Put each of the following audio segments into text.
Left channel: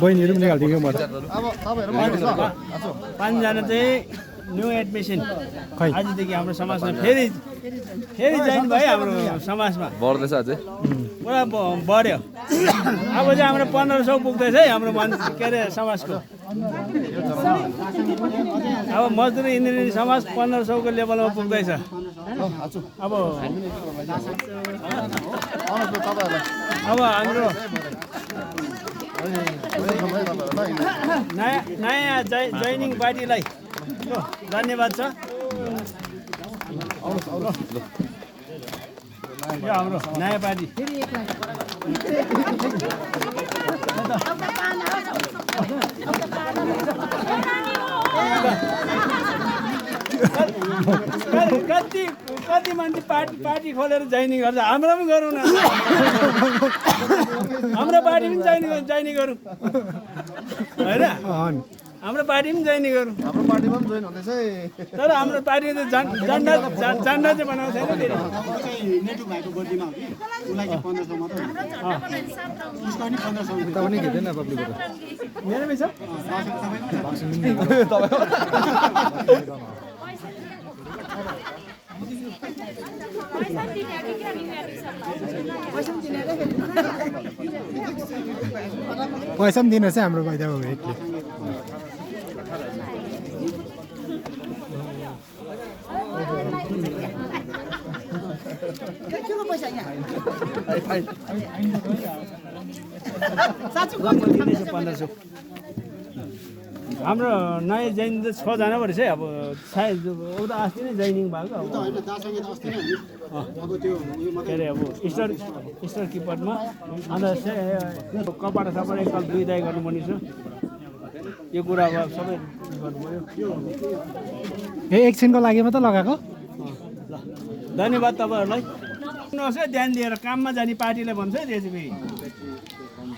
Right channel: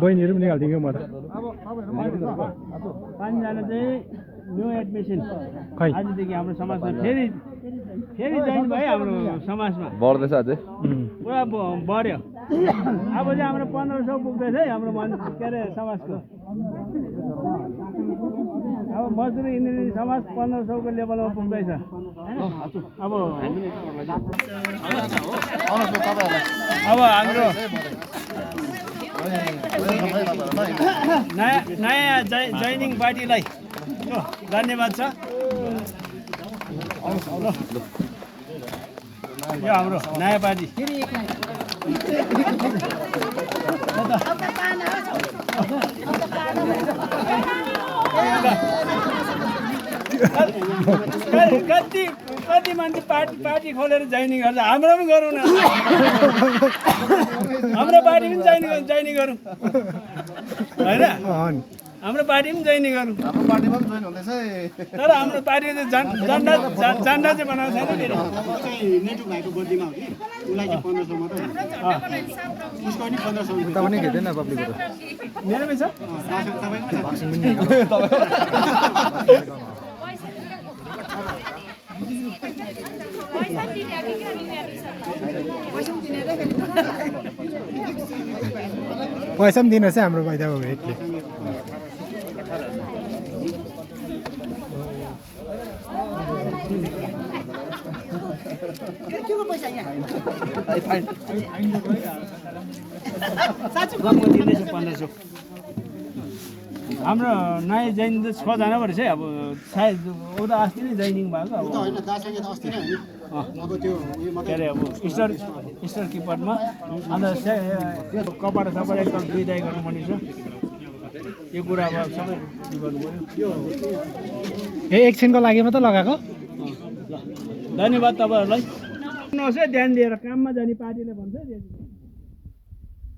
बहिनीहरू पनि निकालिदियो म त पाँचजना चाहिँ न्यू एडमिसन खै आजदेखि हाम्रो समाजमा फेरि जोइन भयो हाम्रो समाजमा बढ्दैछ अझै पुरा बढ्यो अब चाहिँ हाम्रो 1500 पुग्दैछ है हाम्रो के अरे समाजको अब मजदुरी इन्जिनियरिङ समाज 1500 को लेभलमा पुग्दैछ अब हाम्रो नयाँ जोइनिङ पार्टीलाई धन्यवाद छ यो हाम्रो नयाँ पार्टी कति मान्छे पार्टी खोलेर जोइनिङ गर्छ हाम्रो पनि गरौँ न हाम्रो पार्टी पनि जोइनिङ गरौँ होइन हाम्रो पार्टी पनि जोइन गरौँ हाम्रो पार्टीमा पनि जोइन हुँदैछ तर हाम्रो पार्टी झन्डा चाहिँ बनाएको छैन फेरि नेटु भाइको बर्थडेमा हो कि उसलाई चाहिँ 1500 मात्रै उसको पनि 1500 तपाईँ नै घेर्दैन पब्लिकहरू मेरोमै छ पैसा पनि दिनुहोस् है हाम्रो पैदा भेटले हाम्रो नयाँ जोइन 6 जना पो रहेछ है अब सायद उता अस्ति नै जोइनिङ भएको अब होइन दासँग त अस्ति नै अब त्यो उयो के अरे अब स्टार किपरमा अन्त कपडा सपडा एकताल धुइदाइ गर्नुपर्ने छ यो कुरा अब सबै गर्नु पऱ्यो एकछिनको लागि मात्रै लगाएको धन्यवाद तपाईँहरूलाई सुन्नुहोस् है ध्यान दिएर काममा जाने पार्टीलाई भन्छ है त्यो चाहिँ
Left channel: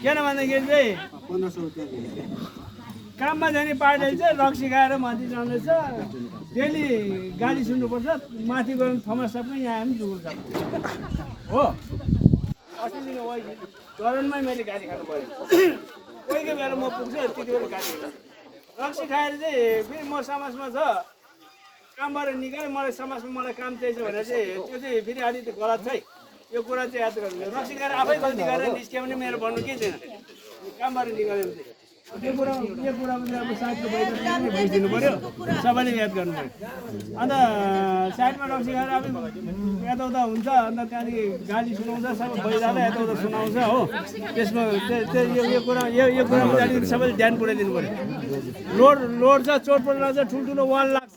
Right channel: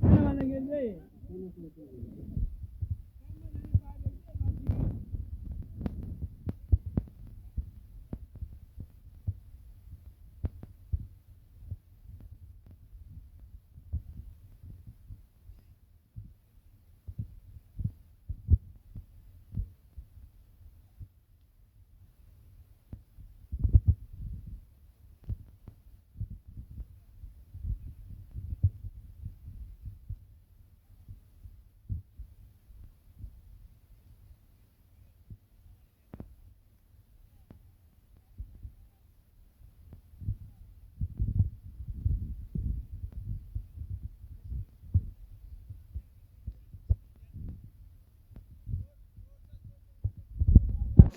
किन भन्दाखेरि चाहिँ 1500 रुपैयाँ काममा जाने पार्टीले चाहिँ रक्सी खाएर माथि जाँदैछ डेली गाली सुन्नुपर्छ माथि गएर थमस पनि यहाँ पनि जुगुल छ हो अस्ति दिन चरणमै मैले गाली खानु पऱ्यो कोही कोही बेला म पुग्छु त्यति बेला गाली रक्सी खाएर चाहिँ फेरि म समाजमा छ कामबाट निकाल्यो मलाई समाजमा मलाई काम चाहिन्छ भनेर चाहिँ त्यो चाहिँ फेरि अलिकति गलत छ है यो कुरा चाहिँ याद गर्नु रक्सी खाएर आफै गल्ती गरेर निस्क्यो भने मेरो भन्नु केही छैन कामबाट निकाल्यो भने चाहिँ यो कुरामा चाहिँ अब साथीको बाहिर बुझिदिनु पऱ्यो सबैले याद गर्नु पऱ्यो अन्त साइडमा रक्सी खाएर अब यताउता हुन्छ अन्त त्यहाँदेखि गाली सुनाउँछ सबै भइरहेको यताउता सुनाउँछ हो त्यसमा यो कुरामा चाहिँ अलिकति सबैले ध्यान पुऱ्याइदिनु पऱ्यो लोड छ चोटपट लाग्छ ठुल्ठुलो वाल लाग्छ